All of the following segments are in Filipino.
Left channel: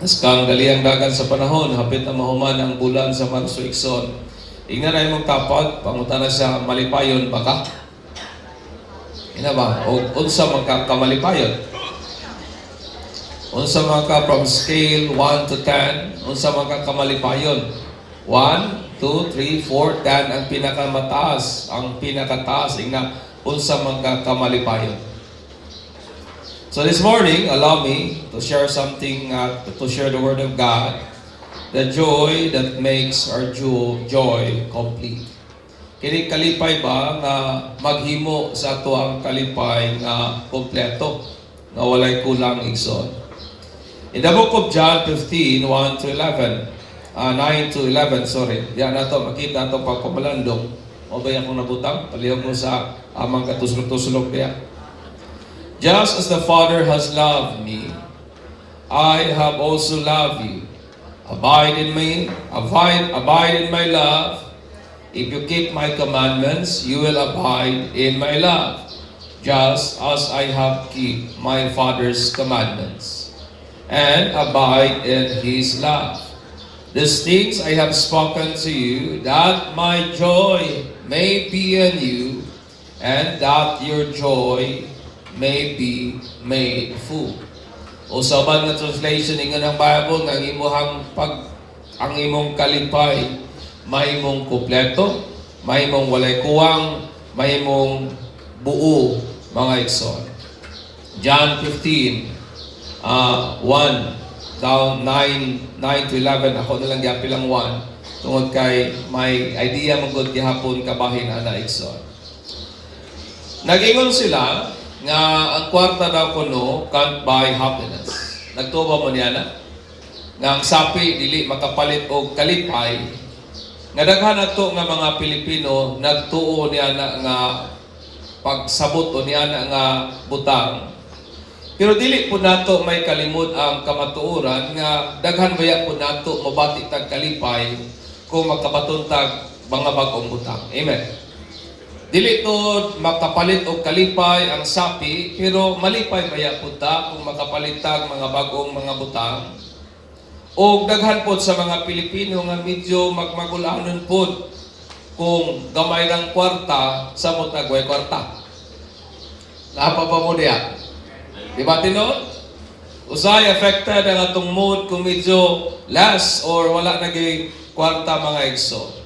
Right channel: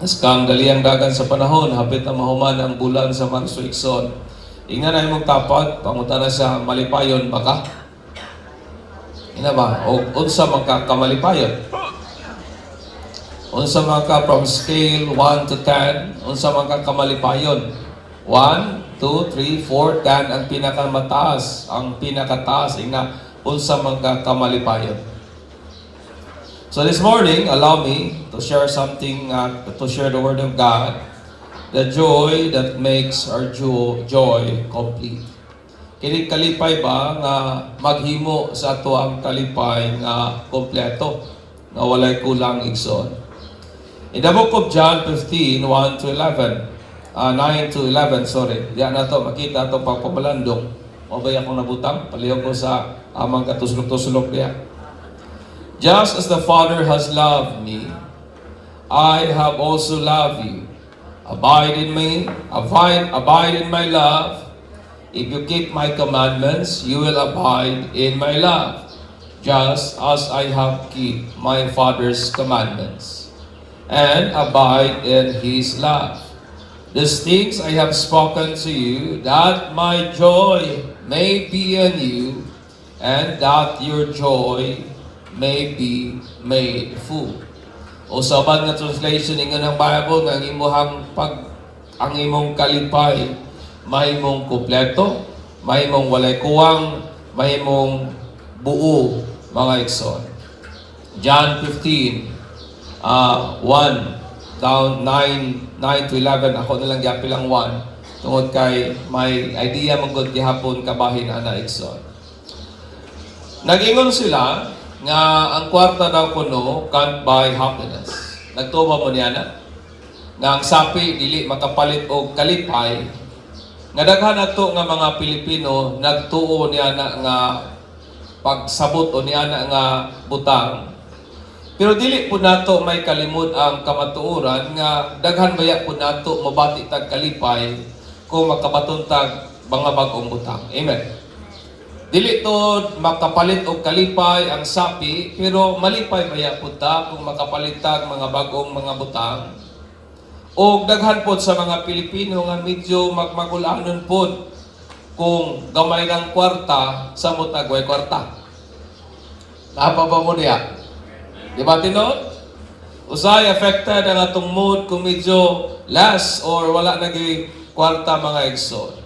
As kang daliang dagan sa panahon, hapit na mahuman ang bulan sa Marso Ikson. Ingan na imong tapad, panguta na sa malipayon baka. Ina ba? O unsa magkakamalipayon? Unsa ka from scale 1 to 10, unsa magkakamalipayon? 1, 2, 3, 4, 10 ang pinakamataas, ang pinakataas ina unsa magkakamalipayon. So this morning, allow me to share something, to share the Word of God, the joy that makes our joy complete. Kini kalipay ba nga maghimo sa ato ang kalipay nga kompleto, nga walay kulang igsoon. In the book of John 15, 1 to 11, 9 to 11, sorry, diyan na to, makita ito pagpabalandong. O ba akong nabutang? Palihog ko sa amang katuslok-tuslok niya. Just as the Father has loved me, I have also loved you. Abide in me, abide in my love. If you keep my commandments, you will abide in my love, just as I have kept my Father's commandments, and abide in His love. These things I have spoken to you, that my joy may be in you, and that your joy may be made full. O saban nga translation nga ng Bible nga ang imong kalipay may imong kompleto, may imong walay kuwang, may imong buo mga igsoon. John 15 1 down 9 to 11, ako na lang giapilang 1 tungod kay may idea magud gihapon kabahin ana igsoon. Nagingon sila nga ang kwarta daw kuno can't buy happiness. Nagtubo mo niya na nga ang sapi dili makapalit og kalipay. Nga daghan ato nga mga Pilipino nagtuo niya na nga pagsabot o niya na nga butang. Pero dili po nato may kalimot ang kamatuoran nga daghan baya po nato mabati tag kalipay kung makapatuntag mga bagong butang. Amen. Dili to makapalit og kalipay ang sapi, pero malipay maya punta kung makapalitag mga bagong mga butang. O daghan pod sa mga Pilipino nga medyo magmagulanon pod kung gamay ang kwarta sa mutagway kwarta. Napa ba mo diya? Di ba tinon? Usay affected ang atong mood kung medyo less or wala nagay kwarta mga igsoon.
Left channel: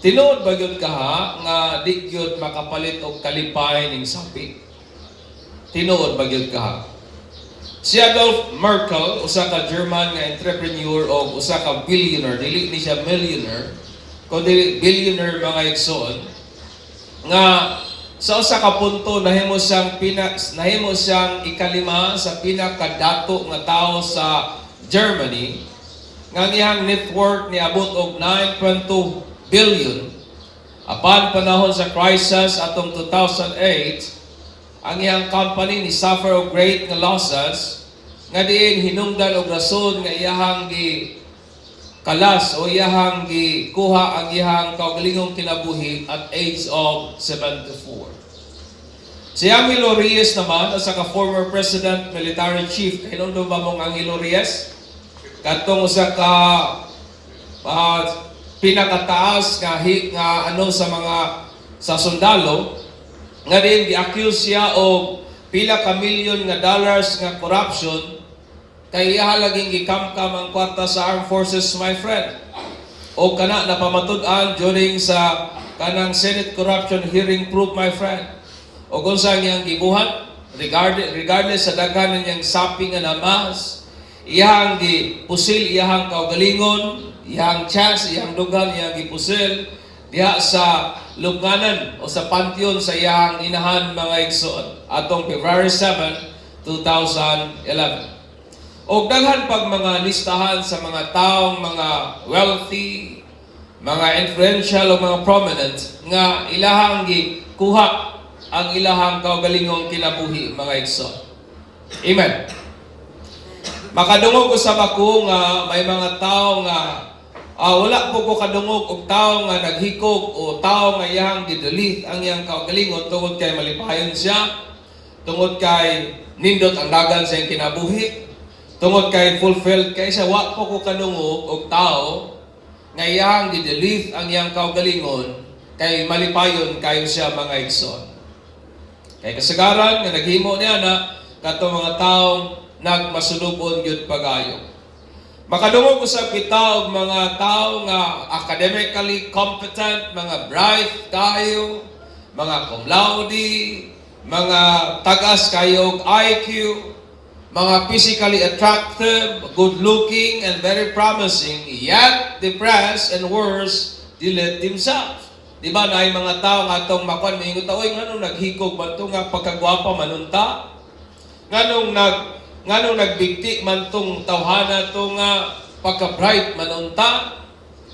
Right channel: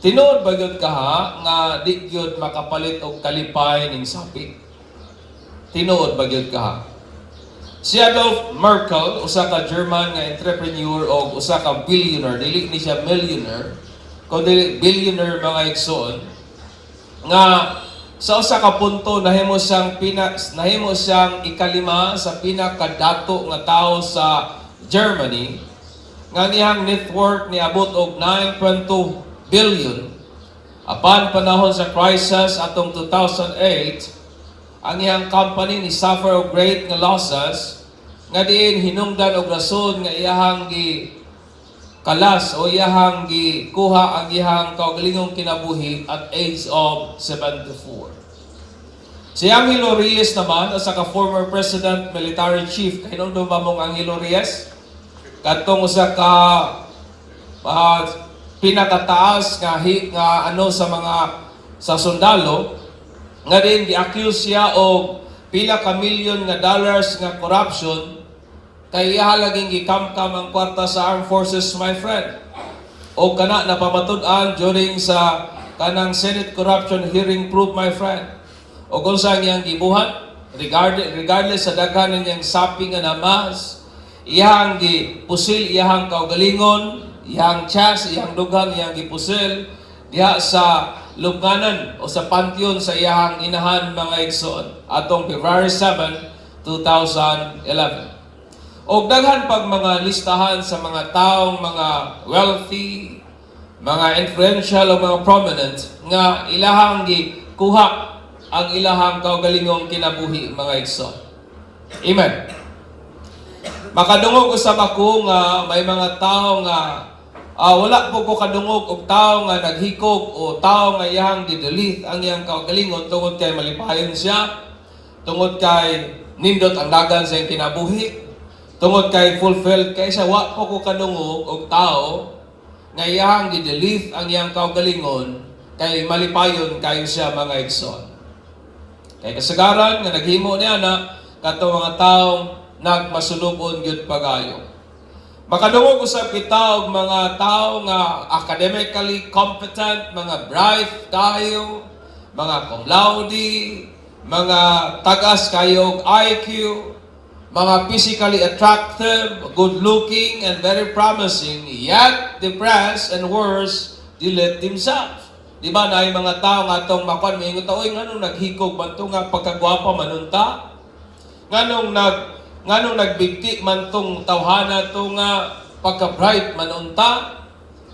Tinuod ba yun kaha nga di yun makapalit og kalipay ning sapi? Tinuod ba yun kaha? Si Adolf Merkel, usa ka German nga entrepreneur o usa ka billionaire, dili ni siya millionaire, kundi billionaire mga igsoon, nga sa usa ka punto nahimo siyang ikalima sa pinakadato nga tao sa Germany, nga iyang net worth niabot og 9.2 billion. Apan panahon sa crisis atong 2008, ang iyang company ni suffer og great nga losses nga diin hinungdan og rason nga iyahang gi kalas o iyahang gi kuha ang iyahang kaugalingong kinabuhi at age of 74. Si Angelo Reyes naman, usa ka former president, military chief, hinungdan ba mong Angelo Reyes? Katong usa ka pinakataas nga sa sundalo nga din gi-accuse siya og pila ka milyon nga dollars nga corruption kay iya laging gikamkam ang kwarta sa armed forces, my friend. O kana napamatud-an during sa kanang Senate corruption hearing proof, my friend. O kung saan niyang gibuhat regardless sa daghan niyang sapi nga namas, iyang gipusil iyang kaugalingon, iyang chas, iyang dugan, iyang gipusil diha sa lubnganan o sa pantheon sa iyang inahan mga igsoon atong February 7, 2011. O daghan pag mga listahan sa mga taong mga wealthy, mga influential o mga prominent nga ilahang gikuha ang ilahang kaugalingong kinabuhi mga igsoon. Amen. Makadungog usab ako nga may mga tao nga wala po ko kadungog og tao nga naghikog o tao nga iyang gidelete ang iyang kaugalingon tungod kay malipayon siya, tungod kay nindot ang dagan sa iyang kinabuhi, Tungod kay fulfilled kay sa wa ko kanungog og tao nga iyang gidelete ang iyang kaugalingon kay malipayon kayo siya mga igsoon. Kay kasagaran nga naghimo niya na katong mga taong nagmasulubon gyud pagayo. Makadungog usab kita og mga tao nga academically competent, mga bright kayo, mga cum laude, mga tagas kayo og IQ, mga physically attractive, good-looking, and very promising, yet depressed and worse, delete themselves. Di ba na mga tao nga itong makon, mingot oy nganong naghikog man ito nga pagkagwapa manunta? Nganong nagbigti man itong tawhana ito nga pagka-bright manunta?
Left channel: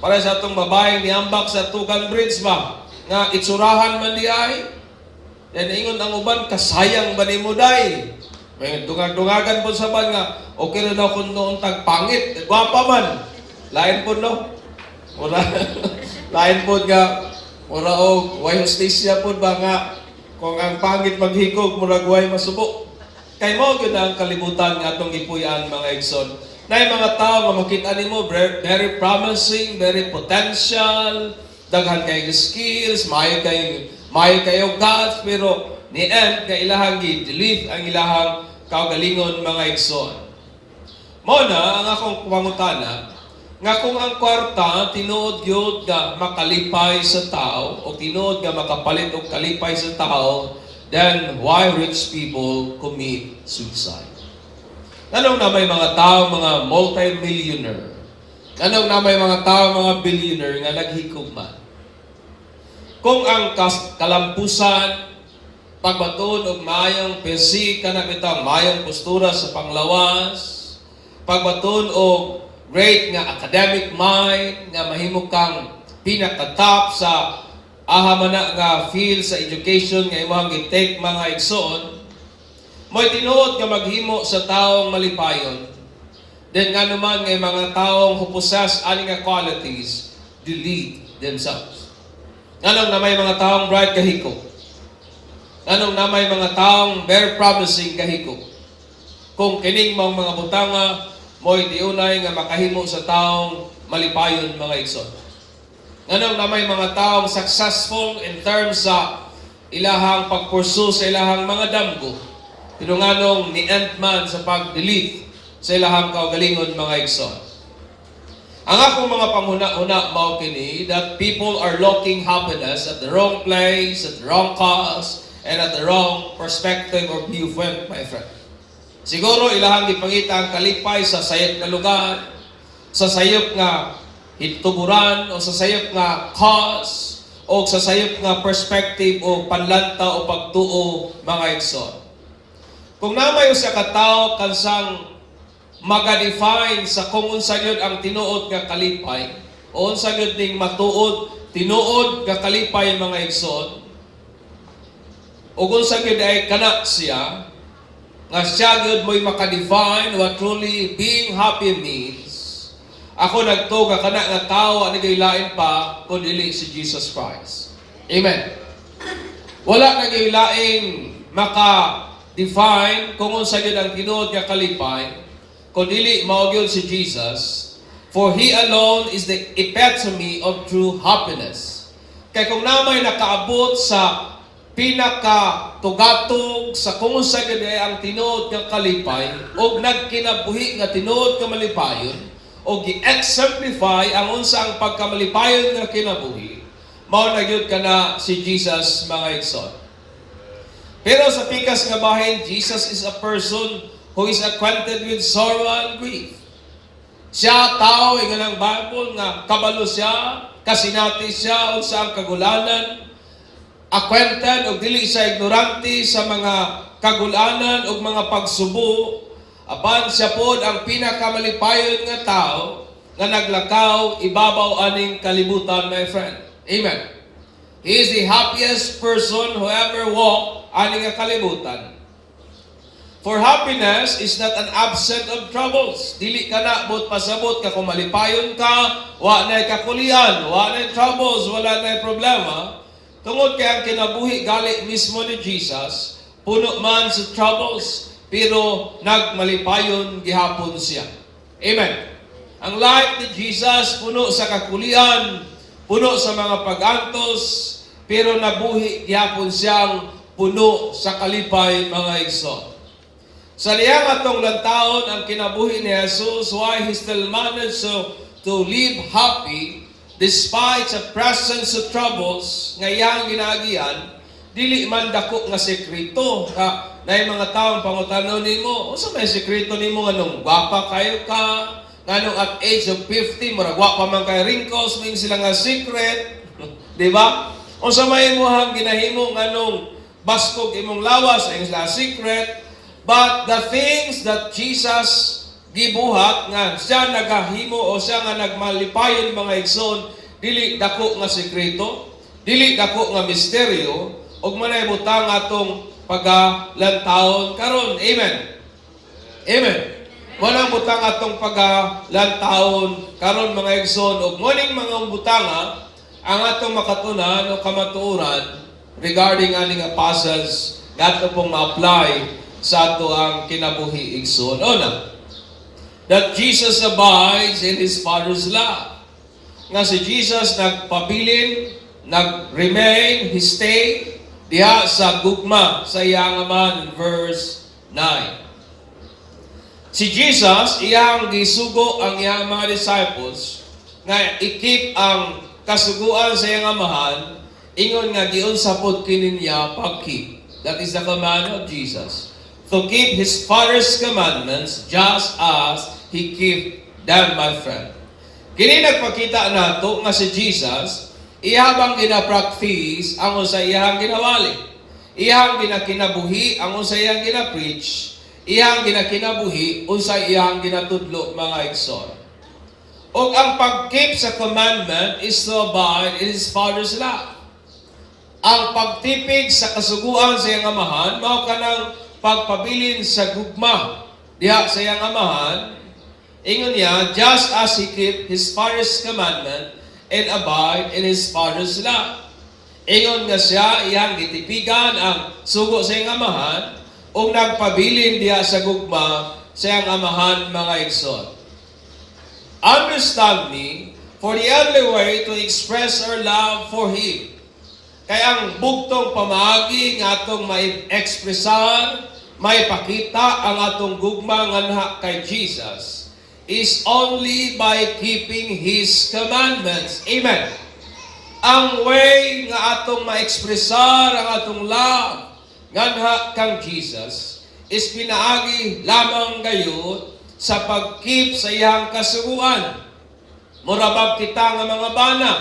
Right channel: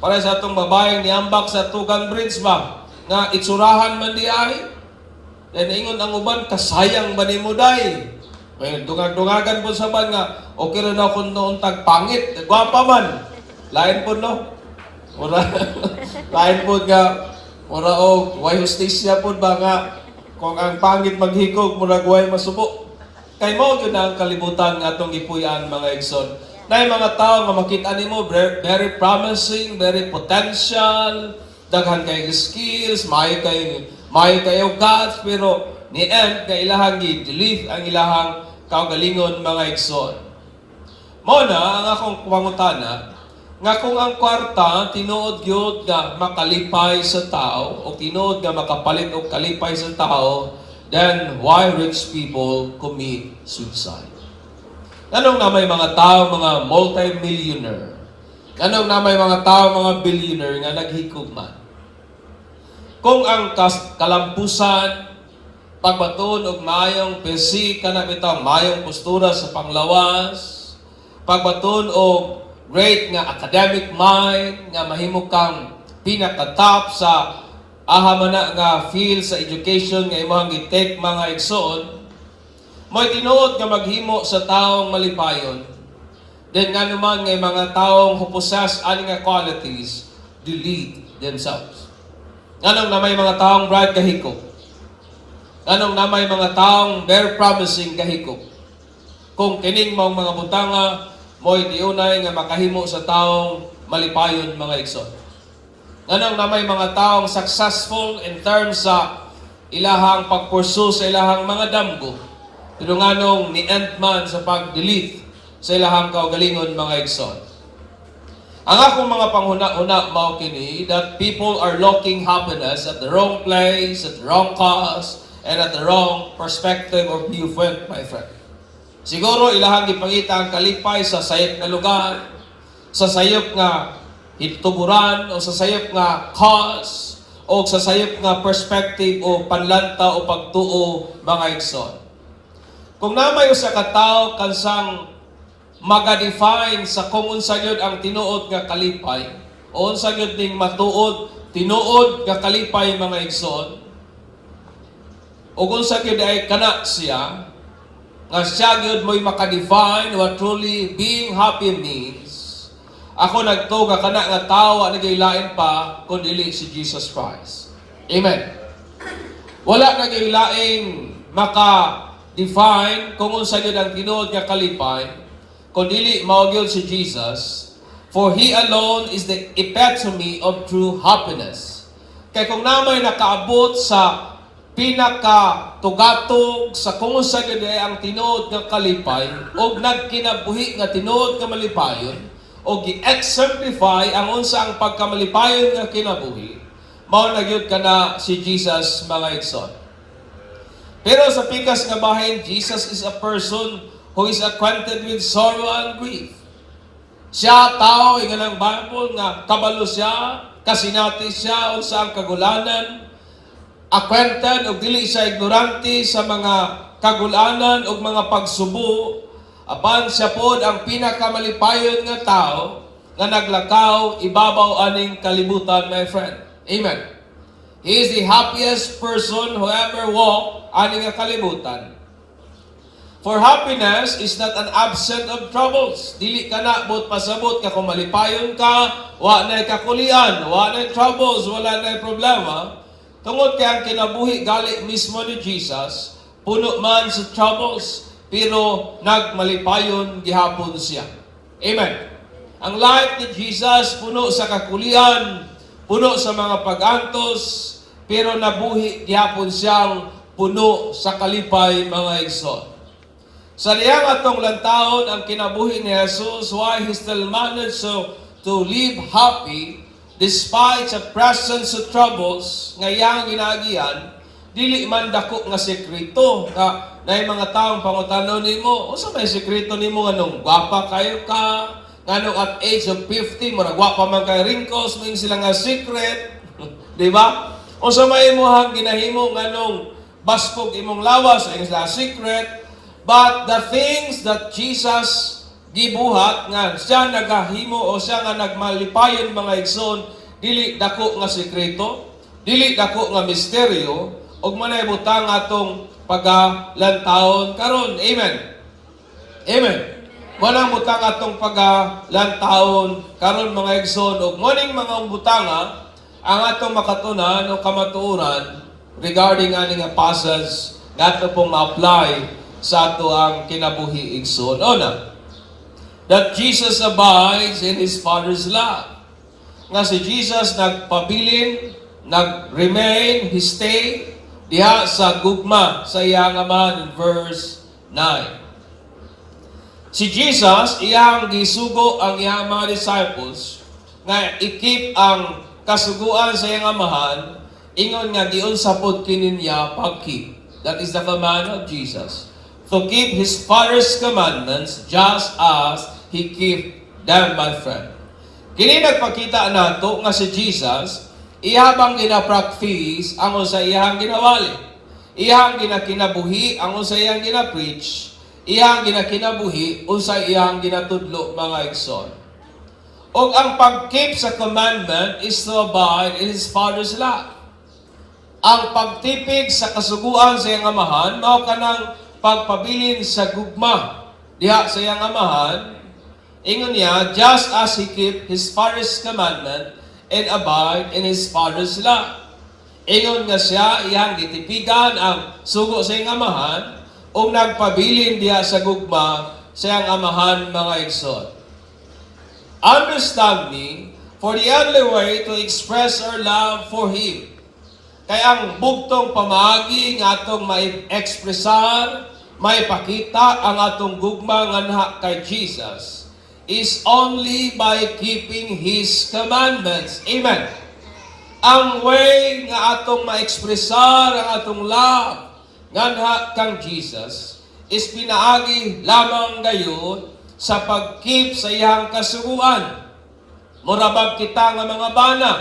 Para sa itong babaeng niambak sa Tugan Bridge ba? Nga itsurahan man di ay? Yan ingon ang uban, kasayang ba ni mo day? May dungag-dungagan po sa ban nga, okay na daw kung noon tagpangit, gwapa man. Lain po no? Lain po nga, mura o, way hostesya po ba nga, kung ang pangit maghikog, mura way masubo. Kay mo, yun ang kalibutan nga itong ipuyan mga igsoon. Na yung mga tao nga makita ni mo, very promising, very potential, daghan kayo skills, may kayo gods, pero ni end na ilahang i-delete ang ilahang kaugalingon mga igsoon. Muna, ang akong pangutana, nga kung ang kwarta tinuod gyud nga makalipay sa tao o tinuod nga makapalit og kalipay sa tao, then why rich people commit suicide? Anong na may mga tao, mga multi-millionaire? Anong na may mga tao, mga billionaire nga naghikugman? Kung ang kalampusan, pagbaton og mayong PC, kana bitang mayong postura sa panglawas, pagbaton og great nga academic mind, nga mahimo kang pinaka-top sa ahamana nga field sa education nga imong gi-take mga igsoon, mo'y tinuod nga maghimo sa taong malipayon. Then nga naman nga mga taong who possess ani nga qualities, delete themselves. Nganong na may mga taong bright kahiko. Nganong na may mga taong very promising kahiko. Kung kining mga butanga, mo'y diunay nga makahimo sa taong malipayon mga igsoon. Nganong na may mga taong successful in terms sa ilahang pagpursu sa ilahang mga damgo. Pero nganong ni-end man sa pag-delete sa ilahang kaugalingon mga igsoon. Ang akong mga panghuna-una mao kini that people are looking happiness at the wrong place, at the wrong cause, and at the wrong perspective or viewpoint, my friend. Siguro ilahang ipangita ang kalipay sa sayop nga lugar, sa sayop nga hituburan, o sa sayop nga cause, o sa sayop nga perspective o panlanta o pagtuo mga igsoon. Kung namay usa ka tawo kansang maga-define sa kung unsa gyud ang tinuod nga kalipay, o unsa gyud ning matuod tinuod nga kalipay mga igsoon, o kung sa gyud ay kana siya, nga siya gyud mo'y makadefine what truly being happy means, ako nagtuga kana nga tawo ani gaylain pa kun dili si Jesus Christ. Amen. Wala na gaylain maka-define kung unsa gyud ang tinuod nga kalipay kun dili mao gyud si Jesus, for He alone is the epitome of true happiness. Kay kung namay nakaabot sa pinaka-tugatog sa kung sa gani ang tinuod nga kalipay o nagkinabuhi nga tinuod nga malipayon o gi-exemplify ang unsa ang pagkamalipayon nga kinabuhi, mao na gyud kana si Jesus mga igsoon. Pero sa pikas nga bahin, Jesus is a person who is acquainted with sorrow and grief. Siya tao ingon ang Bible nga kabalo siya, kasinati siya unsa ang kagulanan, acquainted o dili siya ignorante sa mga kagulanan o mga pagsubo, apan siya pod ang pinakamalipayon nga tao nga naglakaw ibabaw aning kalibutan, my friend. Amen. He is the happiest person who ever walked aning nga kalibutan. For happiness is not an absence of troubles. Dili ka na but pasabot ka kung malipayon ka, wa na kakulian, wa na troubles, wala na problema. Tungod kay ang kinabuhi gali mismo ni Jesus, puno man sa troubles, pero nagmalipayon gihapon siya. Amen. Ang life ni Jesus puno sa kakulian, puno sa mga pag-antos, pero nabuhi gihapon siyang puno sa kalipay, mga igsoon. Sa liyang atong lantaon ang kinabuhi ni Jesus, why He still managed to live happy despite sa presence of troubles nga iyang ginaagian, dili man dako nga sekreto na yung mga taong pangutanon nimo, unsa may sekreto nimo nganong gwapa kayo ka, nganong at age of 50 mura gwapa man kay wrinkles, may sila nga secret, di ba? Unsa may imong ginahimo nganong baskog imong lawas ay sila secret. But the things that Jesus gibuhat nga siya nagahimo o siya nga nagmalipayon, mga igsoon, dili dako nga sekreto, dili dako nga misteryo, ug manay butang atong pagalantawon karon. Amen. Amen. Wala butang atong pagalantawon karon, mga igsoon, ug moning mga butanga ang atong makatunan o kamatuoran regarding aning passage nato pong ma-apply sa ato ang kinabuhi igsoon. Una, that Jesus abides in His Father's love. Nga si Jesus nagpabilin, nag-remain, He stayed diha sa gugma sa iyang Ama in verse 9. Si Jesus, iyang gisugo ang iyang mga disciples nga ikip ang kasuguan sa iyang amahan, ingon nga giunsa pod kini niya pagkeep. That is the command of Jesus. To keep His Father's commandments just as He keep them, my friend. Kini nagpakita nato nga si Jesus, ihabang gina-practice ang usa iyang ginawali. Iyang ginakinabuhi ang usa iyang gina-preach. Iyang ginakinabuhi usa iyang ginatudlo, mga igsoon. Og ang pag-keep sa commandment is to abide in His Father's love. Ang pagtipig sa kasuguan sa iyang amahan, mao kanang pagpabilin sa gugma diha sa iyang amahan, ingon niya, just as He keep His Father's commandment and abide in His Father's love. Ingon nga siya, iyang gitipigan ang sugo sa iyang amahan o nagpabilin diha sa gugma sa iyang amahan, mga igsoon. Understand me, for the only way to express our love for Him, kaya ang bugtong pamaagi nga atong may ekspresar, may pakita ang atong gugma nganha kay Jesus is only by keeping His commandments. Amen. Ang way nga atong ma-ekspresar ang atong love nganha kang Jesus is pinaagi lamang gayon sa pag-keep sa iyang kasuguan. Murabag kita nga mga bana,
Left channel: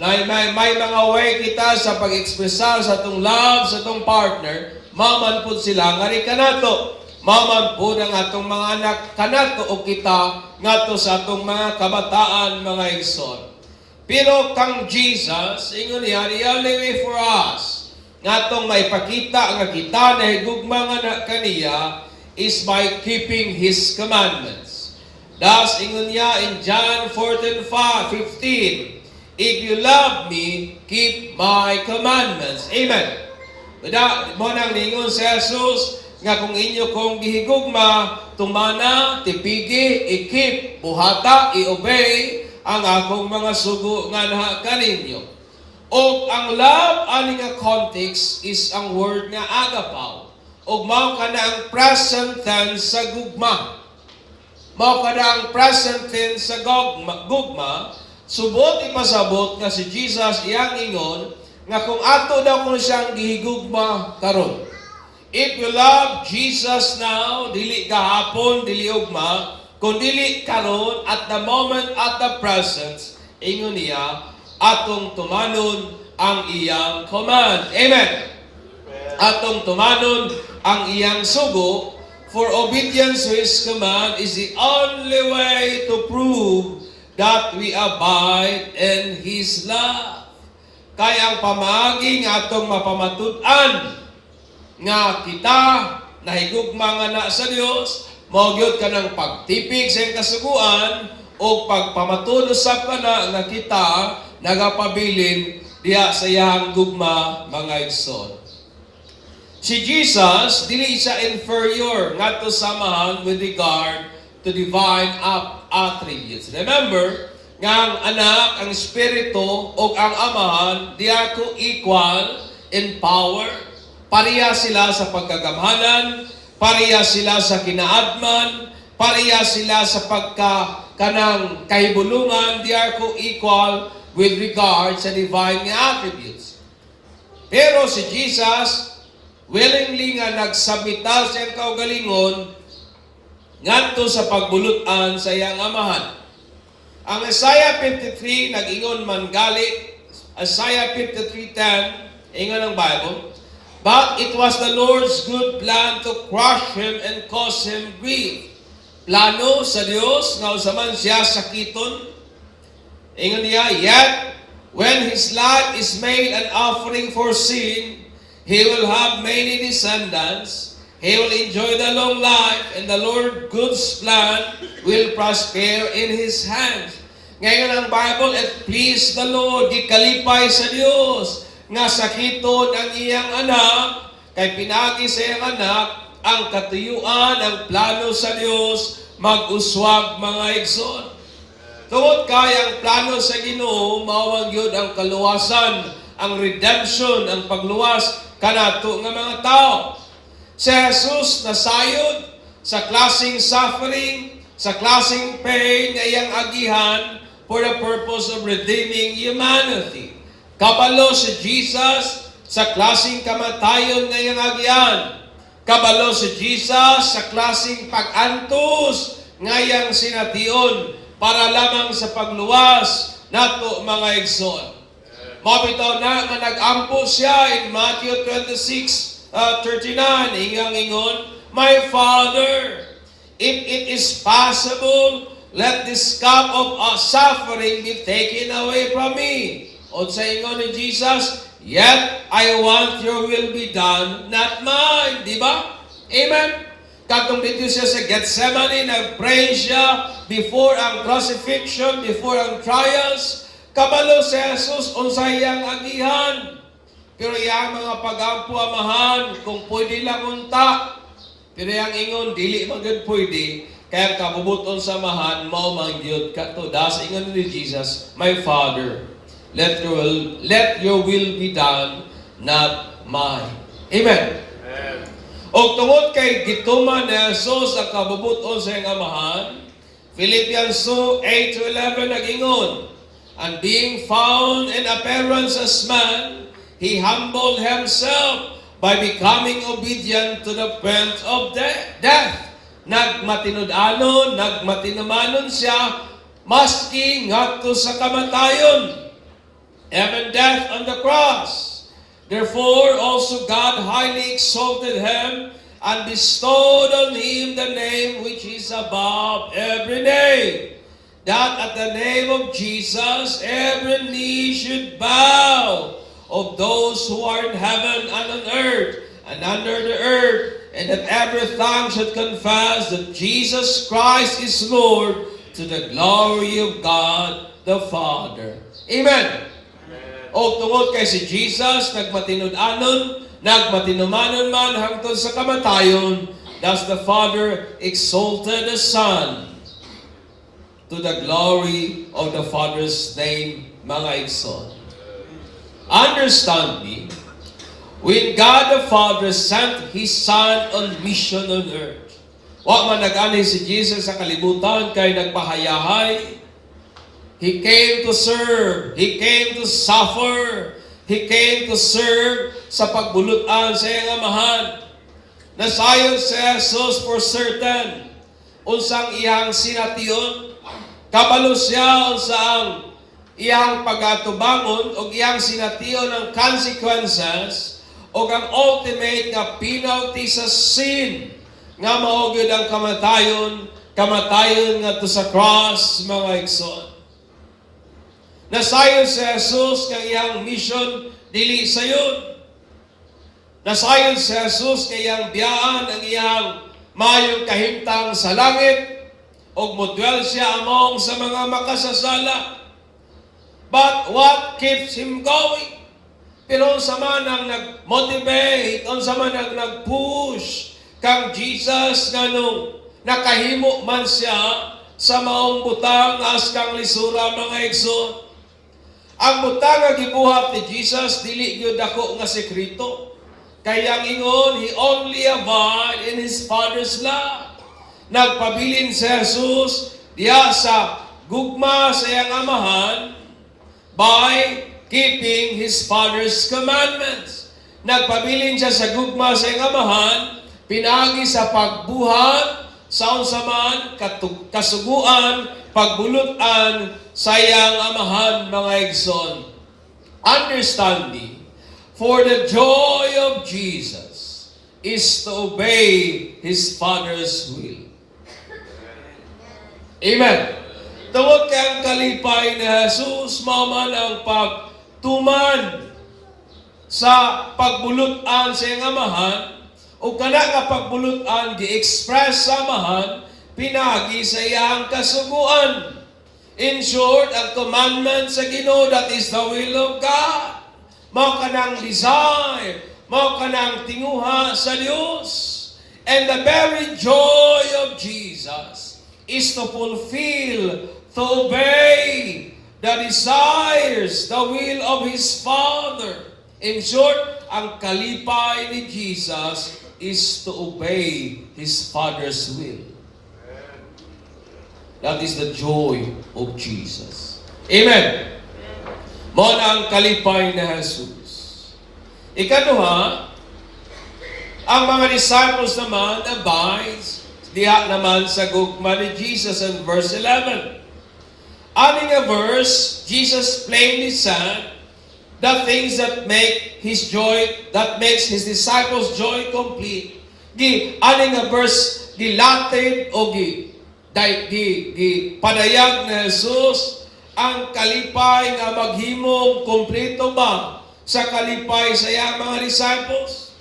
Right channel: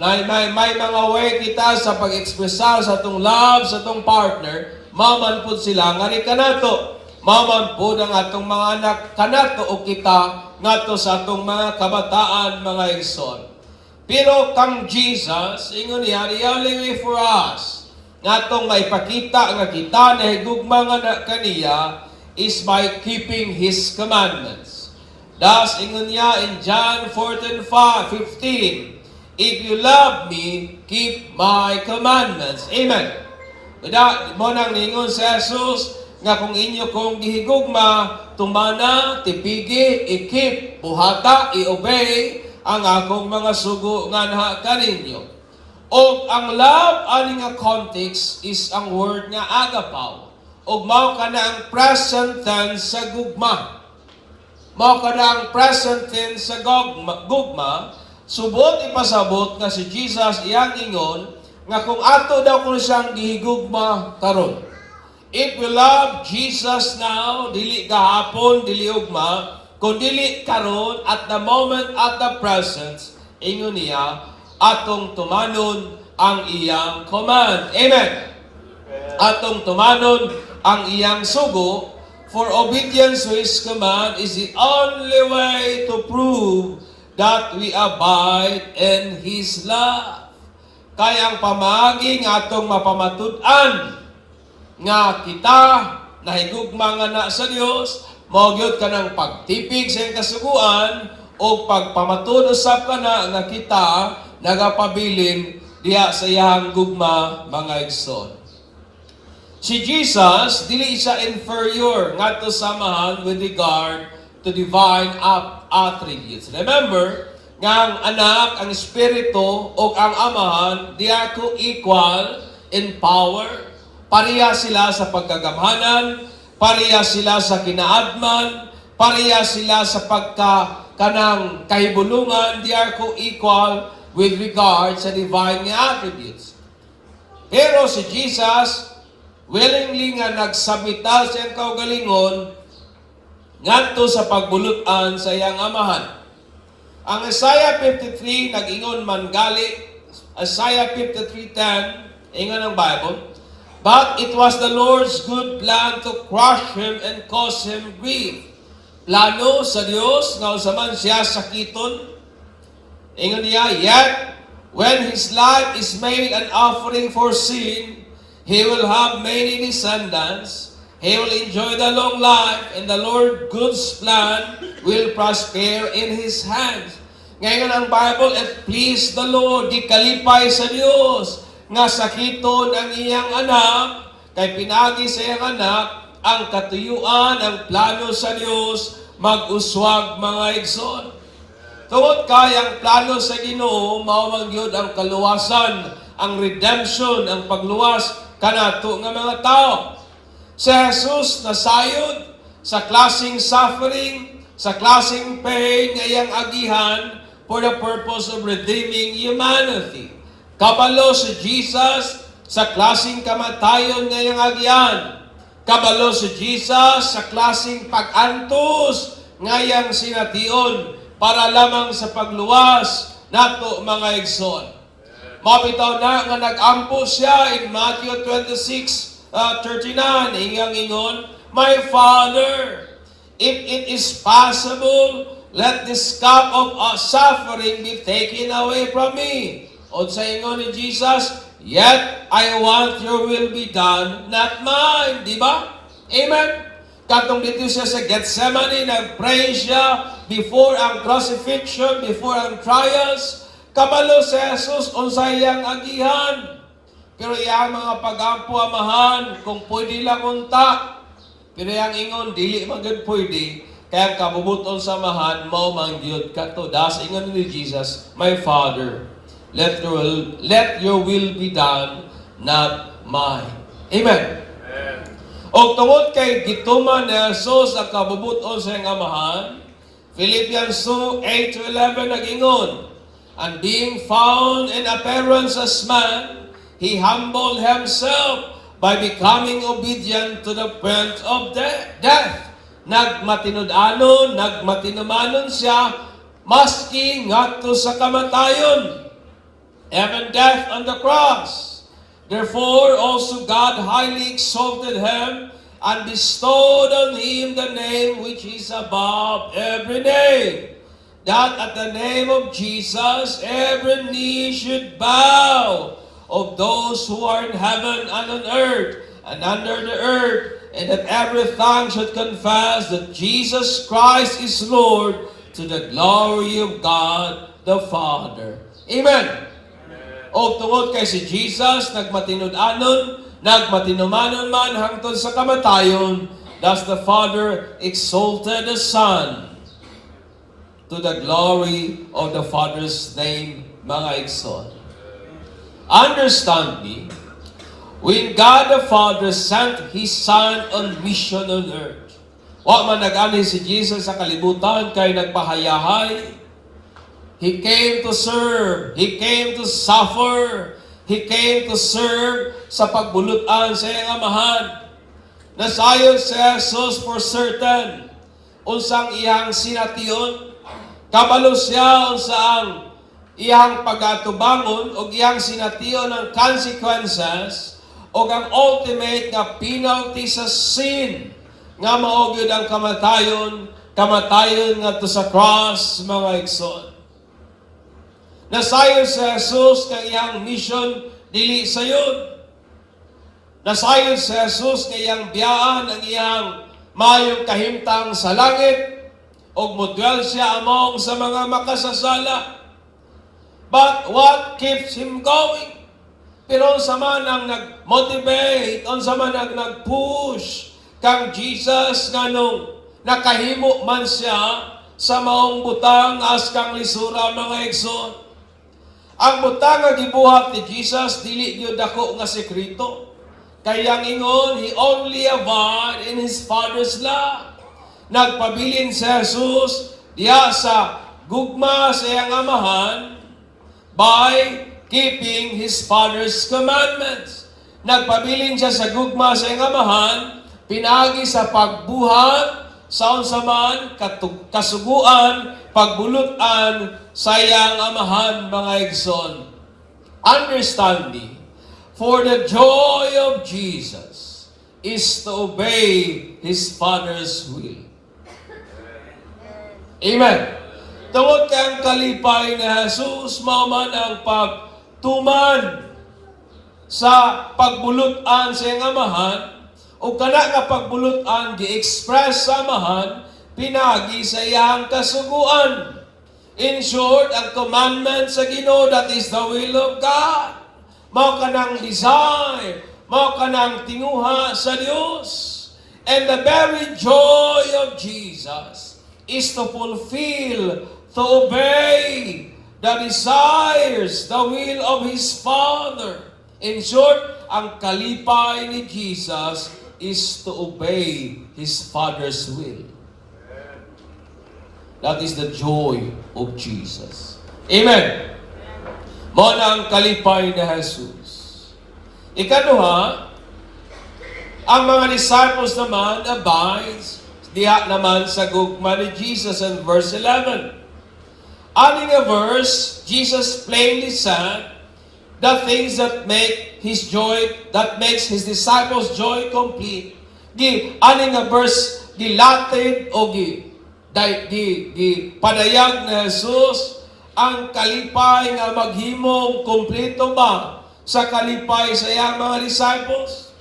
may mga way kita sa pag-ekspresar sa atong love sa atong partner, maman po sila nga rin kanato. Maman po ng atong mga anak kanato o kita ngato sa atong mga kabataan, mga igsoon. Pero kang Jesus, ingon niya, the only way for us ngatong maipakita nga kita na higugma nga kaniya is by keeping His commandments. Thus, ingon niya in John 14:15, if you love me, keep my commandments. Amen. Mo nang ningon si Jesus nga kung inyo kong gihigugma, tumana, tipigi, ikip, buhata, i-obey ang akong mga sugo nga naha kaninyo. O ang love ani nga context is ang word nga agapaw. O mao kana ang present tense sa gugma. Mao kana ang present tense sa gugma. Subot ipasabot nga si Jesus iyang ingon nga kung ato daw kung siyang gihigugma karon. If we love Jesus now, dili gahapon, dili ugma, kung dili karon at the moment, at the present, ingon niya, atong tumanon ang iyang command. Amen. Atong tumanon ang iyang sugo, for obedience to His command is the only way to prove that we abide in His love. Kaya ang pamagi nga atong mapamatud-an nga kita nahigugma nga na sa Dios, mao gyud kanang pagtipig sa iyang kasuguan o pagpamatud usab kana nga kita nagapabilin diha sa iyang gugma, mga igsoon. Si Jesus dili siya inferior ngadto sa amahan with regard to divine attributes. Remember, nga ang anak, ang espiritu, o ang amahan, they are co-equal in power. Pareha sila sa pagkagamhanan, pareha sila sa kinaadman, pareha sila sa kanang kahibulungan, they are co-equal with regard sa divine attributes. Pero si Jesus, willingly nga nagsabita sa iyang kaugalingon ngadto sa pagbulutan sa iyang amahan. Ang Isaiah 53 nag-ingon man gali, Isaiah 53:10, ingon ang Bible, "But it was the Lord's good plan to crush him and cause him grief." Plano sa Dios nga usaman siya sakiton. Ingon niya, "Yet when his life is made an offering for sin, he will have many descendants. He will enjoy the long life, and the Lord God's plan will prosper in His hands." Ngayon ang Bible, "It please the Lord," gikalipay sa Dios, nga sakiton ang iyang anak, kay pinagi sa iyang anak, ang katuyuan, ang plano sa Dios, mag-uswag mga igsoon. Tungod kay ang plano sa Ginoo, mao man gyud ang kaluwasan, ang redemption, ang pagluwas kanato nga mga tao. Si Jesus nasayod sa klaseng suffering, sa klaseng pain nga iyang agihan for the purpose of redeeming humanity. Kabalo si Jesus sa klaseng kamatayon nga iyang agihan. Kabalo si Jesus sa klaseng pag-antos nga iyang sination para lamang sa pagluwas nato mga igsoon. Mabitaw na nga nag-ampo siya in Matthew 26:39, ingon, "My Father, if it is possible, let this cup of suffering be taken away from me." O sa ingon ni Jesus, "Yet I want your will be done, not mine." Di ba? Amen? Katong dito siya sa Gethsemane, nag-pray siya before ang crucifixion, before ang trials. Kabalo si Jesus unsay iyang agihan. Pero iyang mga pagampo amahan, kung pwede lang unta. Pero iyang ingon, dili man gud pwede. Kaya kabubuton sa amahan, mao man gyud kato. Das ingon ni Jesus, "My Father, let your will be done, not mine." Amen. O tungod kay gituman ni Jesus ang kabubuton sa iyang amahan, Philippians 2:8-11 nag-ingon, "And being found in appearance as man, He humbled Himself by becoming obedient to the point of death." Nagmatinud-anon, nagmatinumanon siya, maski ngadto sa kamatayon, even death on the cross. Therefore also God highly exalted Him and bestowed on Him the name which is above every name, that at the name of Jesus every knee should bow, of those who are in heaven and on earth and under the earth, and that every tongue should confess that Jesus Christ is Lord, to the glory of God the Father. Amen. O tungod kay si Jesus, nagmatinud-anon, nagmatinumanon man hangtod sa kamatayon, thus the Father exalted the Son to the glory of the Father's name, mga igsoon. Understand me, when God the Father sent His Son on mission on earth, wa man nag-ani si Jesus sa kalibutan kay nagpahayahay. He came to serve, He came to suffer, He came to serve sa pagbulutan sa iyang amahan. Nasayon si Jesus for certain, unsang iyang sination, kabalo siya unsang iyang pagatubangon o iyang sination ng consequences o ang ultimate nga penalty sa sin nga mao gyud ang kamatayon nga to sa cross, mga igsoon. Nasayon si Jesus kay iyang mission dili sayon. Nasayon si Jesus kay iyang biyaan ang iyang mayong kahimtang sa langit og model siya among sa mga makasasala. But what keeps Him going? Pero unsa man ang nag-motivate, unsa man ang nag-push kang Jesus nganong nakahimo man siya sa maong butang as kang lisura mga igsoon. Ang butang nga gibuhat ni Jesus dili gyud dako nga sekreto. Kaya ingon, He only abide in His Father's love. Nagpabilin si Jesus diya sa gugma sa iyang amahan by keeping His Father's commandments. Nagpabilin siya sa gugma sa iyang amahan, pinagi sa pagbuhat, sa unsaman, kasuguan, pagbulutan sa iyang amahan, mga igsoon. Understanding, for the joy of Jesus is to obey His Father's will. Amen. Tungod kang kalipay ni Jesus, mauman ang pagtuman sa pagbulutan sa iyang amahan, o kana nga pagbulutan gi-express sa amahan, pinagi sa iyang kasuguan. In short, ang commandment sa Ginoo, that is the will of God. Mao kanang desire, mao kanang tinguha sa Dios. And the very joy of Jesus is to fulfill, to obey the desires, the will of His Father. In short, ang kalipay ni Jesus is to obey His Father's will. That is the joy of Jesus. Amen. Mao na ang kalipay ni Jesus. Ikaduha, ang mga disciples naman abides diha naman sa gugma ni Jesus in verse 11. Aning a verse, Jesus plainly said, the things that make His joy, that makes His disciples' joy complete. Aning a verse, gilatid o padayag na Jesus ang kalipay nga maghimong kompleto ba sa kalipay sa iyang mga disciples?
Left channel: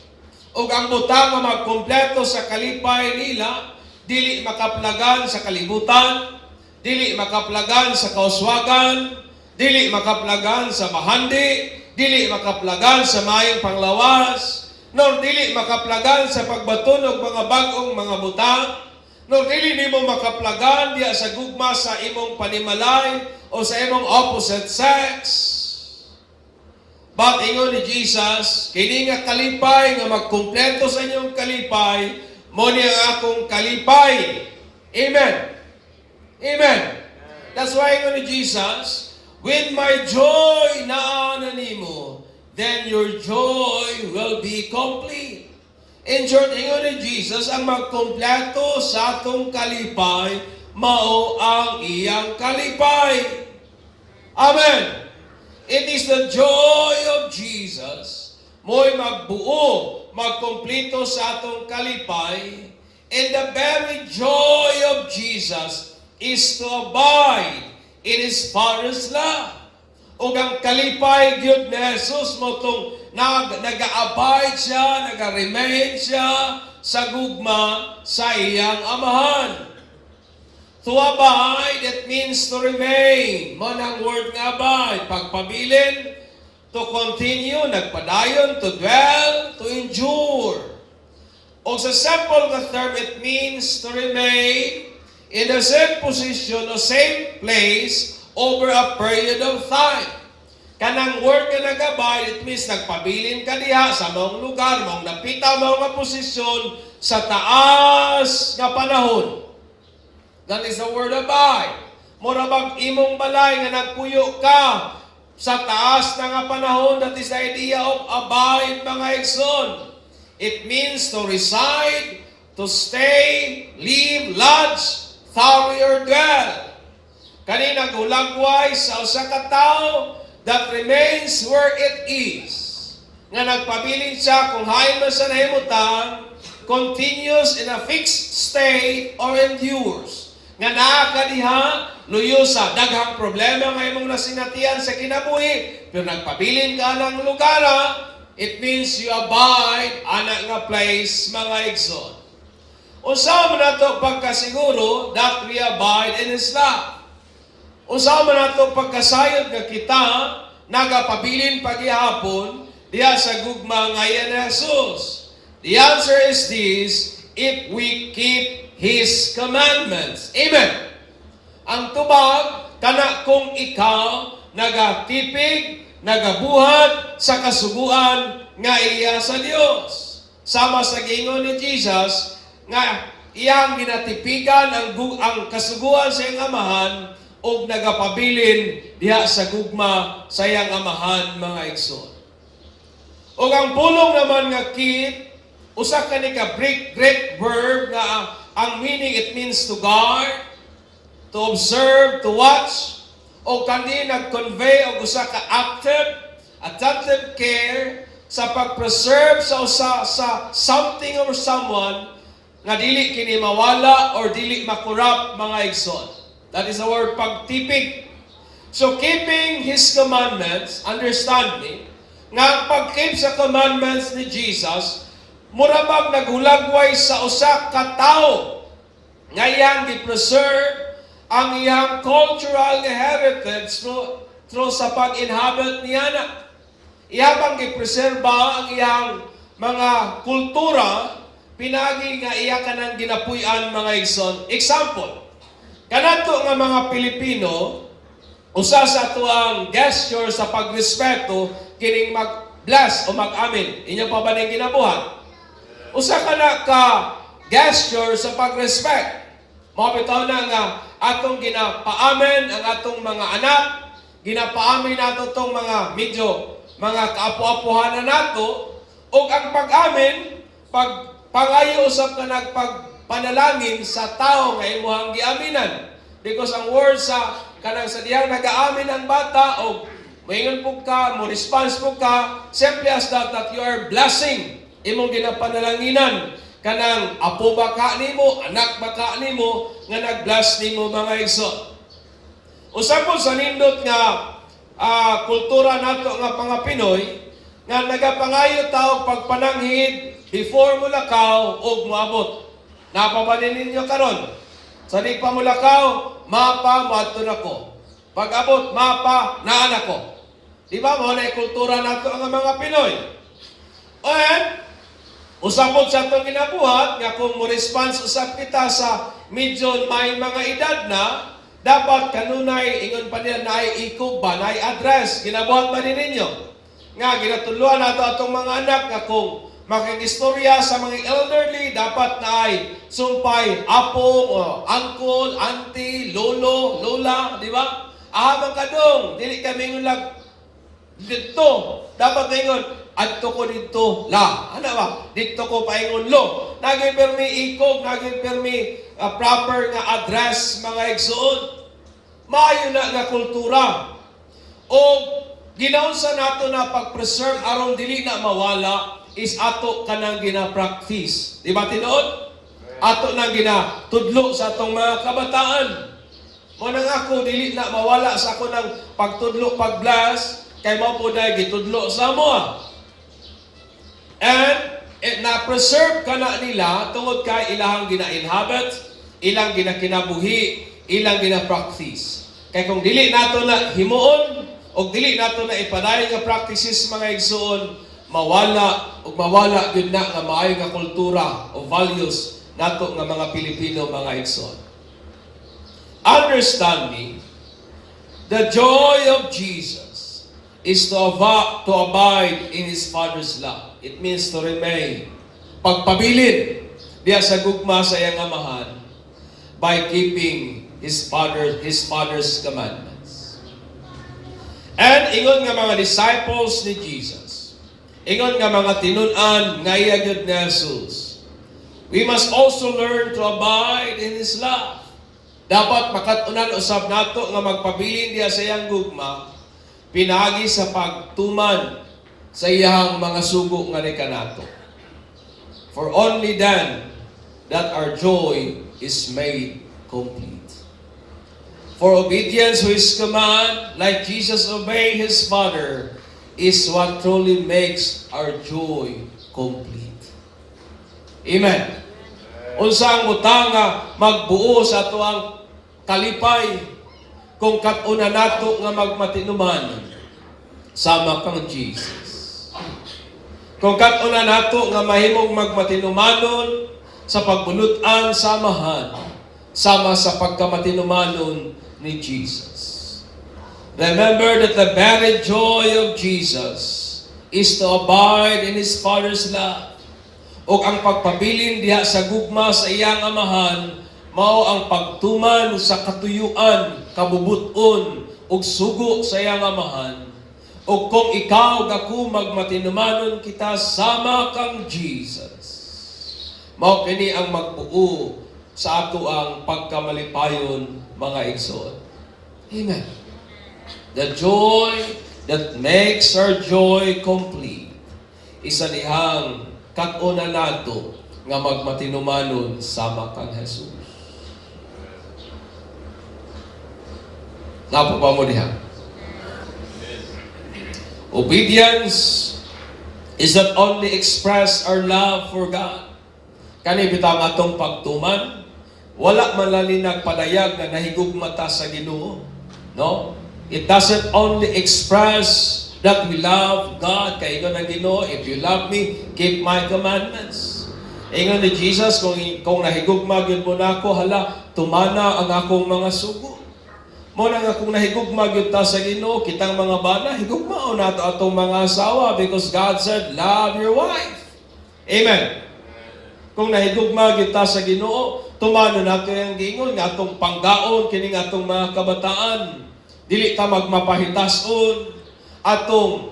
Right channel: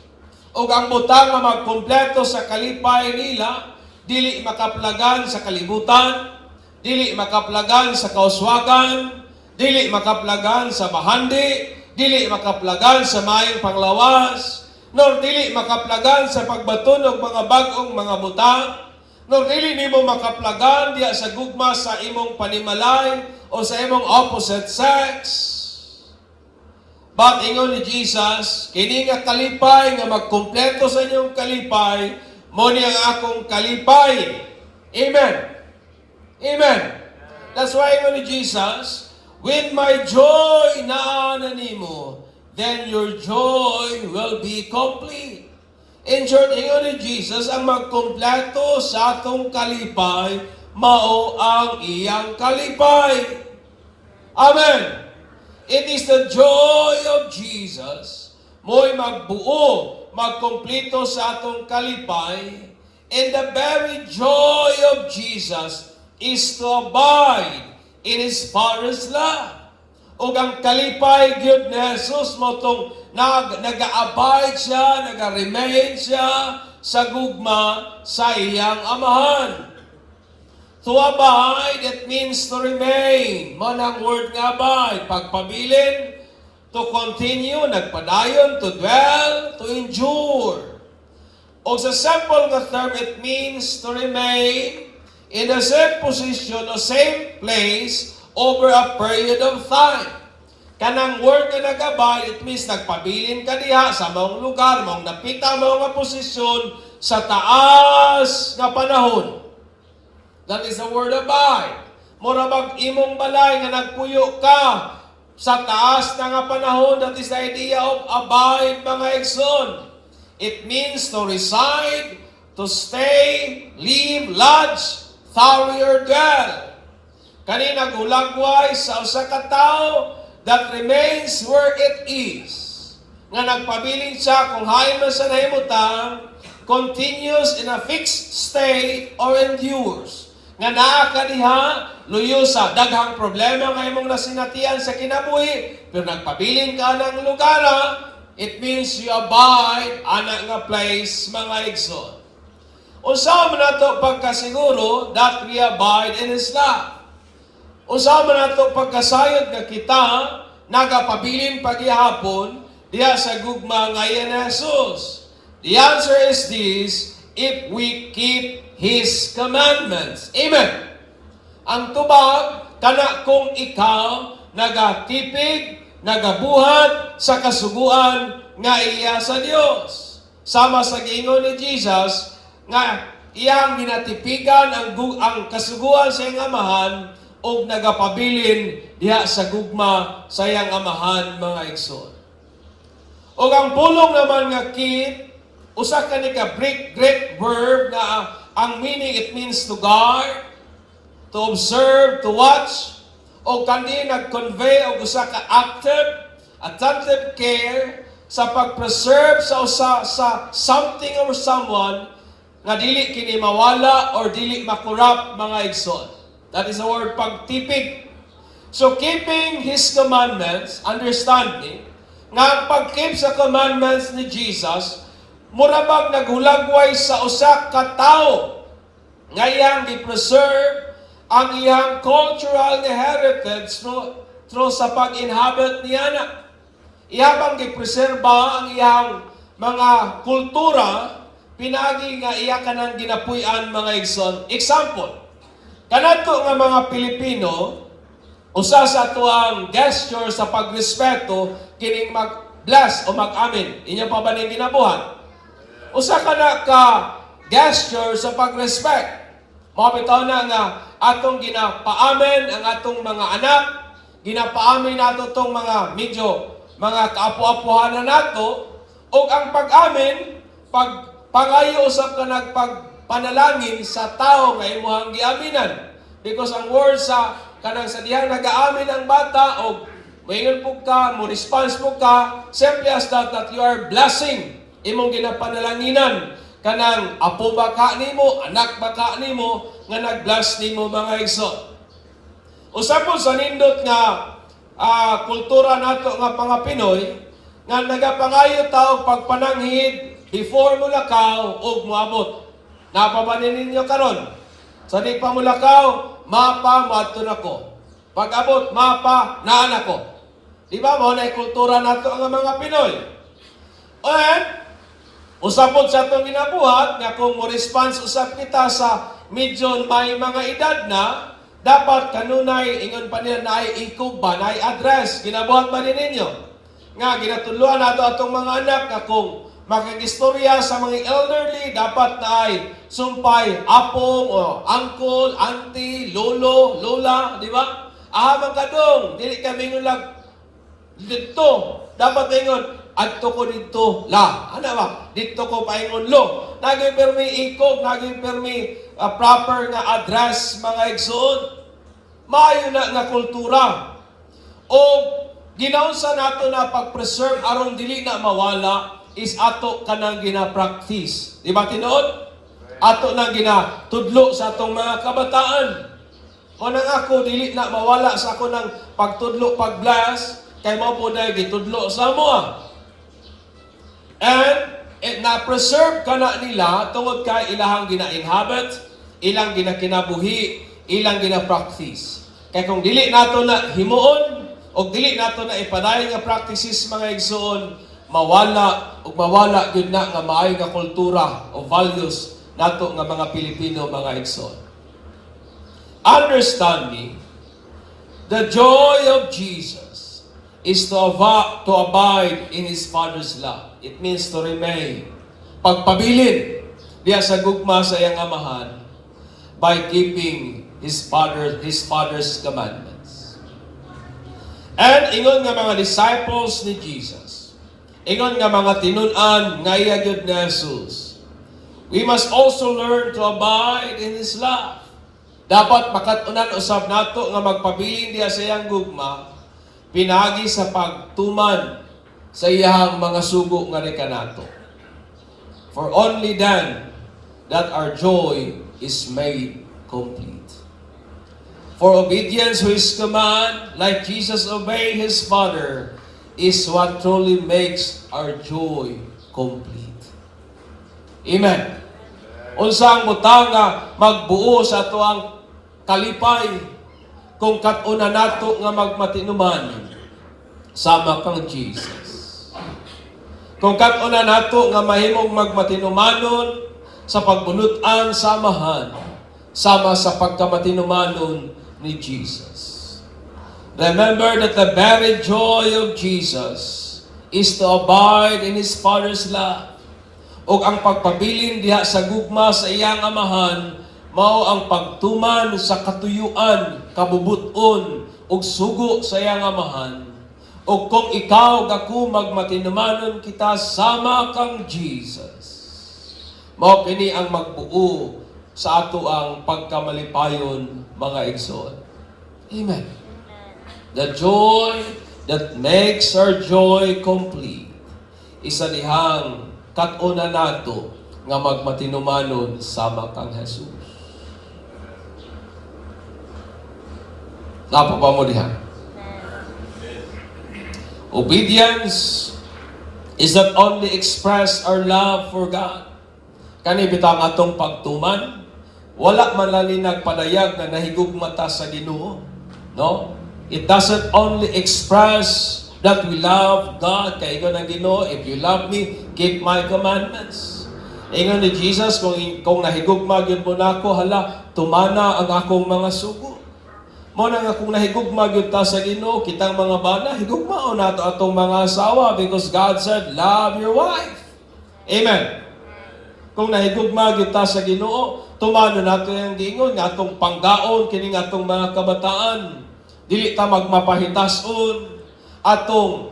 O ang butang nga magkompleto sa kalipay nila, dili makaplagan sa kalibutan, dili makaplagan sa kauswagan, dili makaplagan sa mahandi, dili makaplagan sa mayong panglawas, nor dili makaplagan sa pagbaton og mga bag-ong mga butang, nor dili nimo makaplagan diya sa gugma sa imong panimalay o sa imong opposite sex. But ingon ni Jesus, kini nga kalipay nga magkumpleto sa inyong kalipay, mo ni ang akong kalipay. Amen. Amen. That's why ingon ni Jesus, with my joy na nimo, then your joy will be complete. In short, ingon ni Jesus, ang magkumpleto sa atong kalipay, mao ang iyang kalipay. Amen. It is the joy of Jesus, mo'y magbuo, magkumpleto sa atong kalipay, and the very joy of Jesus is to abide in His Father's love. O ang kalipay gyud ni Jesus mo tong nag-abide siya, nag-remain siya sa gugma sa iyang amahan. To abide, it means to remain. Man ang word nga abide, pagpabilin, to continue, nagpadayon, to dwell, to endure. O sa simple nga term, it means to remain in the same position or same place over a period of time. Kanang word nga nag-abide, it means nagpabilin ka diha sa maong lugar, maong napita, maong nga posisyon sa taas nga panahon. That is the word abide. Mura bang imong balay nga nagpuyo ka sa taas na nga panahon, that is the idea of abide, mga igsoon. It means to reside, to stay, live, lodge, tarry, or dwell. Kanina gulagway sa usa ka tawo that remains where it is. Nga nagpabilin siya kung hayon man sa nahimutan, continues in a fixed state or endures. Nga naa ka diha, luyo sa daghang problema nga imong nasinatian sa kinabuhi, pero nagpabilin ka ng lugar, it means you abide ana nga place, mga igsoon. Usa man nato pagkasiguro that we abide in His love. Usa man nato pagkasayod nga kita nagapabilin paghihapon diya sa gugma ngayon ni Jesus? The answer is this: if we keep His commandments. Amen. Ang tubag, kana kung ikaw nagatipig, nagabuhat sa kasuguan nga iya sa Dios. Sama sa giingon ni Jesus nga iyang ginatipigan ang kasuguan sa iyang amahan ug nagapabilin diha sa gugma sa iyang amahan, mga igsoon. Ug ang pulong naman nga keep, usa ka ni ka Greek verb na ang meaning, it means to guard, to observe, to watch, o kandi nag-convey og usa ka attentive care sa pag-preserve sa something or someone nga dili kini mawala or dili makurap, mga igsoon. That is the word pagtipig. So keeping His commandments, understand me, nga pag-keep sa commandments ni Jesus, murabag naghulagway sa usa ka tawo nga iyang gi-preserve ang iyang cultural heritage through sa pag-inhabit niya na. Iyabang gi-preserba ang iyang mga kultura, pinagi nga iya kanang ginapuy-an, mga igsoon. Example, kanato nga mga Pilipino, usa sa ato ang gesture sa pagrespeto kining mag-bless o mag-amin. Inyo pa ba ning ginabuhat? Usa ka na ka gesture sa pag-respect. Mabitaw na nga atong ginapaamin ang atong mga anak, ginapaamin nato tong mga medyo mga kaapu-apuhan na nato, o ang pag-amin, pangayo usap ka nagpagpanalangin sa tao nga imuhang giaminan. Because ang word sa kanang sa diyang nag-aamin ang bata, o maingon po ka, mo response po ka, simply as that you are blessing imong ginapanalanginan kanang apo baka nimo, anak baka nimo nga nag-bless nimo, mga igsoon. Usab po sa nindot nga kultura nato nga mga Pinoy nga nagapangayo taog pagpananghid before mulakaw ug moabot. Napabanin ninyo karon? Sa di pa mulakaw, mapa moadto nako. Pag abot, mapa naan ako. Di ba mo na kultura nato nga mga Pinoy? And usapod sa itong ginabuhat, nga kung mo-response usap kita sa medyo may mga edad na, dapat kanunay, ingon pa niya na ay ikog ba, na ay address, ginabuhat man din ninyo. Nga, ginatuluan nato atong mga anak nga kung makigistorya sa mga elderly, dapat na ay sumpay, apong, o uncle, auntie, lolo, lola, di ba? Ahamang kadong, dili kami ngulag dito, dapat ngayon, adto ko dito la. Ano ba? Dito ko paingon lo. Naging permi ikog, naging permi proper nga address, mga igsoon. Maayo na nga kultura. O ginaunsa nato na pag-preserve aron dili na mawala is ato kanang gina-practice. Di ba tinuod? Ato nang ginatudlo sa atong mga kabataan. O nang ako dili na mawala sa ako ng pagtudlo, pag-bless, kay mo po dahil gitudlo sa mo. And na-preserve ka na nila tungod kay ilahang gina-inhabit, ilang ginakinabuhi, ilang gina-practice. Kaya kung dili nato na himuon, o dili nato na ipadayon nga practices, mga igsoon, mawala gyud na nga maayo nga kultura o values nato nga mga Pilipino, mga igsoon. Understand me, the joy of Jesus is to abide in His Father's love. It means to remain. Pagpabilin diya sa gugma sa iyang amahan by keeping His Father's commandments. And ingon nga mga disciples ni Jesus, ingon nga mga tinun-an nga iya gyud ni Jesus, we must also learn to abide in His love. Dapat makatunan usab nato nga magpabilin diya sa iyang gugma, pinagi sa pagtuman sa iyang mga sugo nga ni kanato. For only then that our joy is made complete. For obedience to His command, like Jesus obeyed His Father, is what truly makes our joy complete. Amen. Unsa ang butang nga magbuo sa atuang kalipay kung katuna nato nga magmatinuman sama kang Jesus. Kung katuna nato nga mahimong magmatinumanon sa pagbunutan samahan, sama sa pagkamatinumanon ni Jesus. Remember that the very joy of Jesus is to abide in His Father's love. O ang pagpabilin diha sa gugma sa iyang amahan, mao ang pagtuman sa katuyuan, kabubuton, ug sugo sa iyang amahan. O kung ikaw ako magmatinumanon kita sama kang Jesus, mao kini ang magbuo sa ato ang pagkamalipayon, mga igsoon. Amen. The joy that makes our joy complete isa dihang katuna nato nga magmatinumanon sama kang Jesus. Napa pa mo diha? Obedience is not only express our love for God. Kani bitang atong pagtuman, wala man lang nagpadayag na nahigugmata sa Ginoo, no? It doesn't only express that we love God, kay ingon ang Ginoo, if you love me, keep my commandments. Ingon ni Jesus, kung nahigugma gyud mo nako, hala, tumana ang akong mga sugo. Mo na nga kung nahigugma gyud ta sa Ginoo, kitang mga bana, higugmao nato atong mga asawa because God said, love your wife. Amen. Kung nahigugma gyud ta sa Ginoo, tumano nato yung gingon nga atong panggaon kining atong mga kabataan. Dili ta magmapahitason atong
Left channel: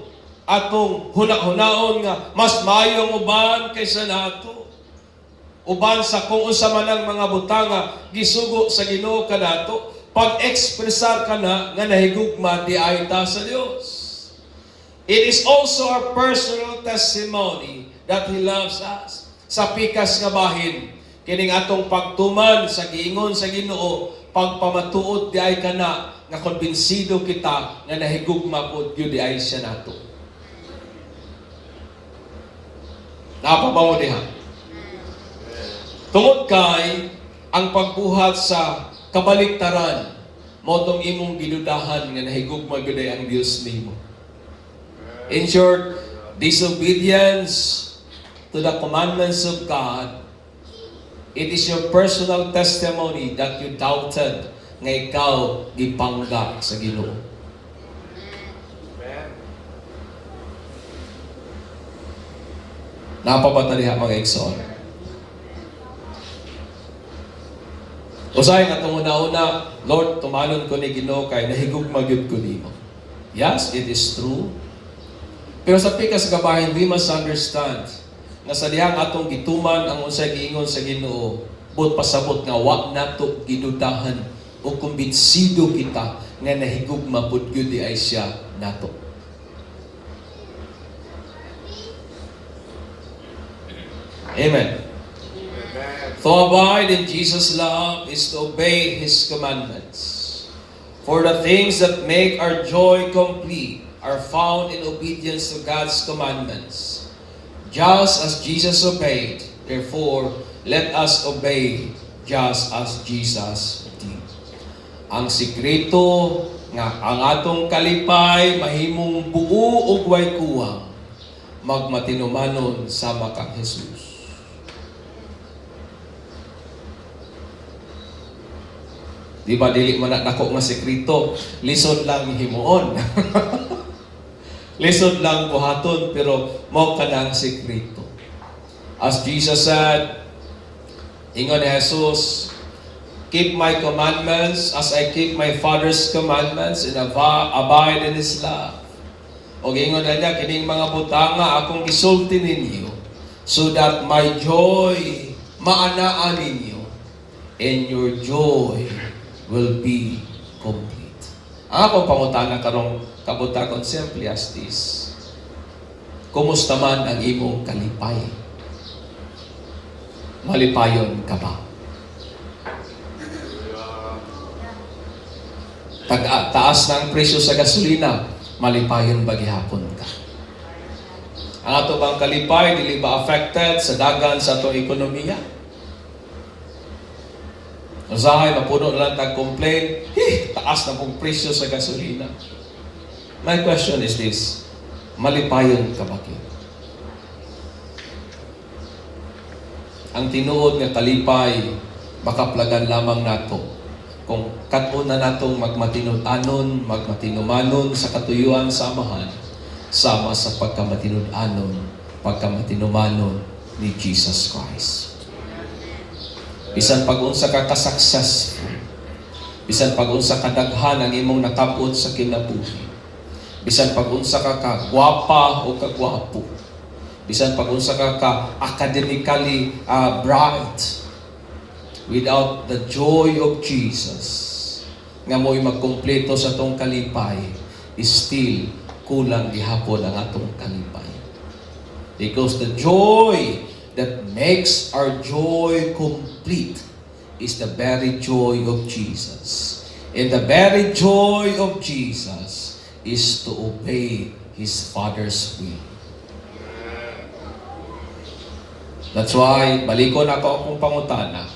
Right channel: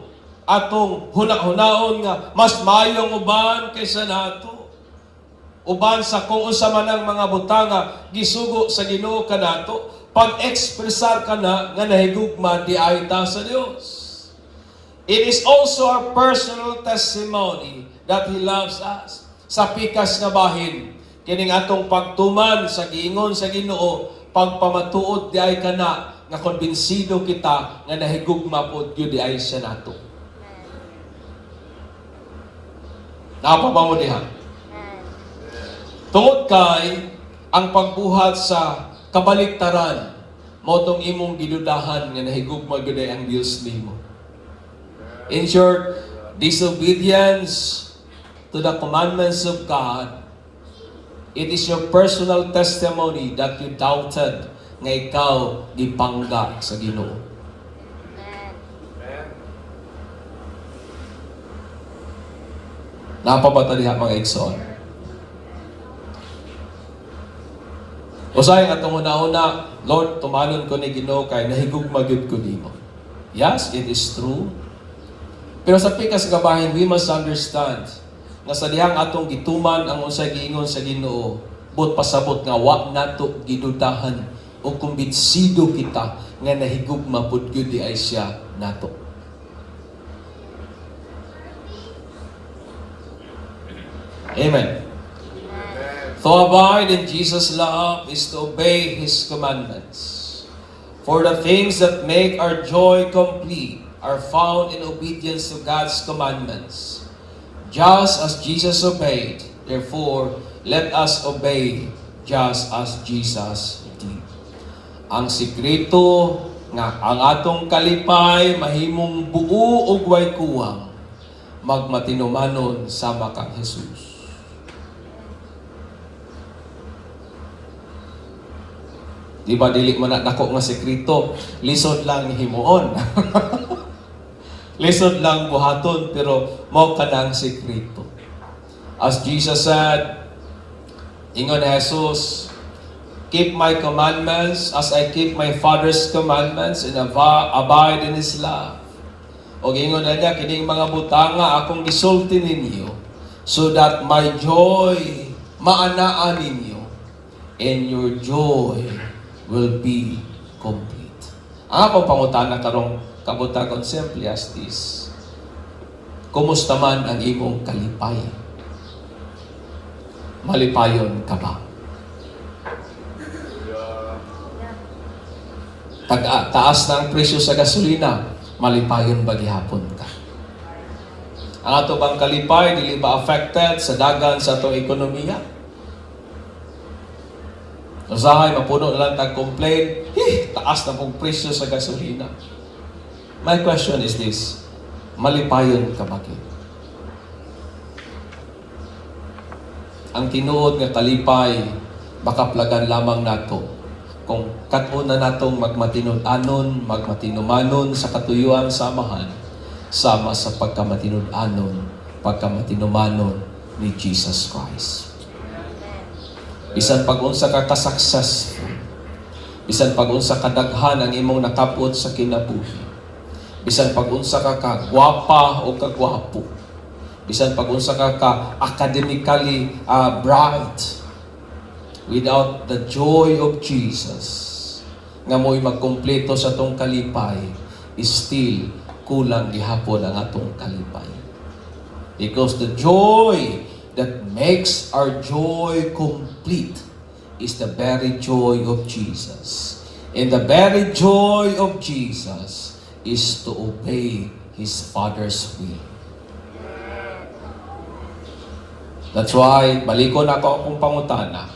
hunaon nga mas maayo ang uban kaysa nato. Uban sa kung unsa man ang mga butanga gisugo sa Ginoo kanato, pag-expressar kana nga nahigugma di ay ta sa Dios. It is also our personal testimony that He loves us. Sa pikas nga bahin, kining atong pagtuman sa giingon sa Ginoo, pagpamatuod di ay kana nga konbinsido kita nga nahigugma pod gyud di ay siya nato. Napapa mo diha? Tungod kay ang pagbuhat sa kabaliktaran, motong imong gidudahan nga nahigugma gyud ay ang Dios nimo. In short, disobedience to the commandments of God, it is your personal testimony that you doubted nga ikaw gipangga sa Ginoo. Napabata diha mga igsoon. Usahay nga itong una-una, Lord, tumalon ko ni Ginoo kay nahigugma gyud ko nimo. Yes, it is true. Pero sa pikas gabahin, we must understand na sa dihang atong gituman ang unsay giingon sa Ginoo, but pasabot nga wa nato gidudahan o kumbinsido kita nga nahigugma pud gyud di ay siya nato. Amen. To abide in Jesus' love is to obey His commandments. For the things that make our joy complete are found in obedience to God's commandments. Just as Jesus obeyed, therefore, let us obey just as Jesus did. Ang sikreto nga ang atong kalipay mahimong buo ug way kuwang magmatinumanon sama kang Jesus. Di ba dili man nako nga sekreto, lisod lang himuon. Lisod lang buhaton pero mao kanang sekreto. As Jesus said, ingon ni Jesus, keep my commandments as I keep my Father's commandments and abide in His love. O ingon na niya, kining mga butanga akong gisulti ninyo so that my joy maanaan ninyo and your joy will be complete. Ang akong pangutana karong kabutagon simply as this. Kumusta man ang imong kalipay? Malipayon ka ba? Taas ng presyo sa gasolina, malipayon ba gihapon ka? Ang ato bang kalipay, dili ba affected sa dagan sa atong ekonomiya? Usahay, mapuno na lang tag-complain, taas na pong presyo sa gasolina. My question is this, malipayon ka ba? ang tinuod nga kalipay makaplagan lamang nato kung katuna natong magmatinud-anon, magmatinumanon sa katuyuan sa Amahan, sama sa pagkamatinud-anon, pagkamatinumanon ni Jesus Christ. Bisan pag-unsa ka ka-successful, bisan pag-unsa ka daghan ang imong nakapot sa kinabuhi, bisan pag-unsa ka kagwapa o kagwapo, bisan pag-unsa ka academically bright, without the joy of Jesus, nga mo'y magkumpleto sa atong kalipay, still kulang gihapon ang atong kalipay. Because the joy that makes our joy complete is the very joy of Jesus. And the very joy of Jesus is to obey His Father's will. That's why, balikon ako akong pangutana,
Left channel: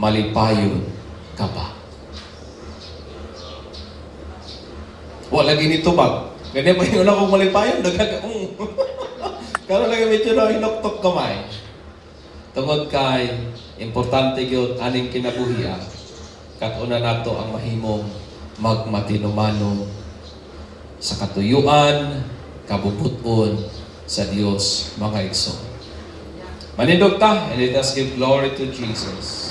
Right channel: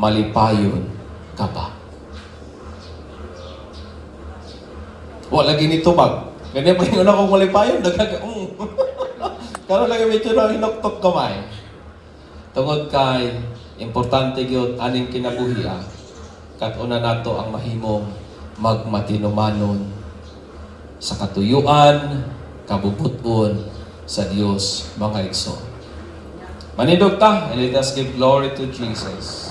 malipayon ka ba? Wala ginito mag. Ganyan pa yung akong malipayon. Karoon lang yung medyo na hinoktok kamay. Tungod kay, importante yun, aning kinabuhiya, katuna nato ang mahimong magmatinumanon sa katuyuan, kabubuton sa Dios, mga igsoon. Manindog ta, and let us give glory to Jesus.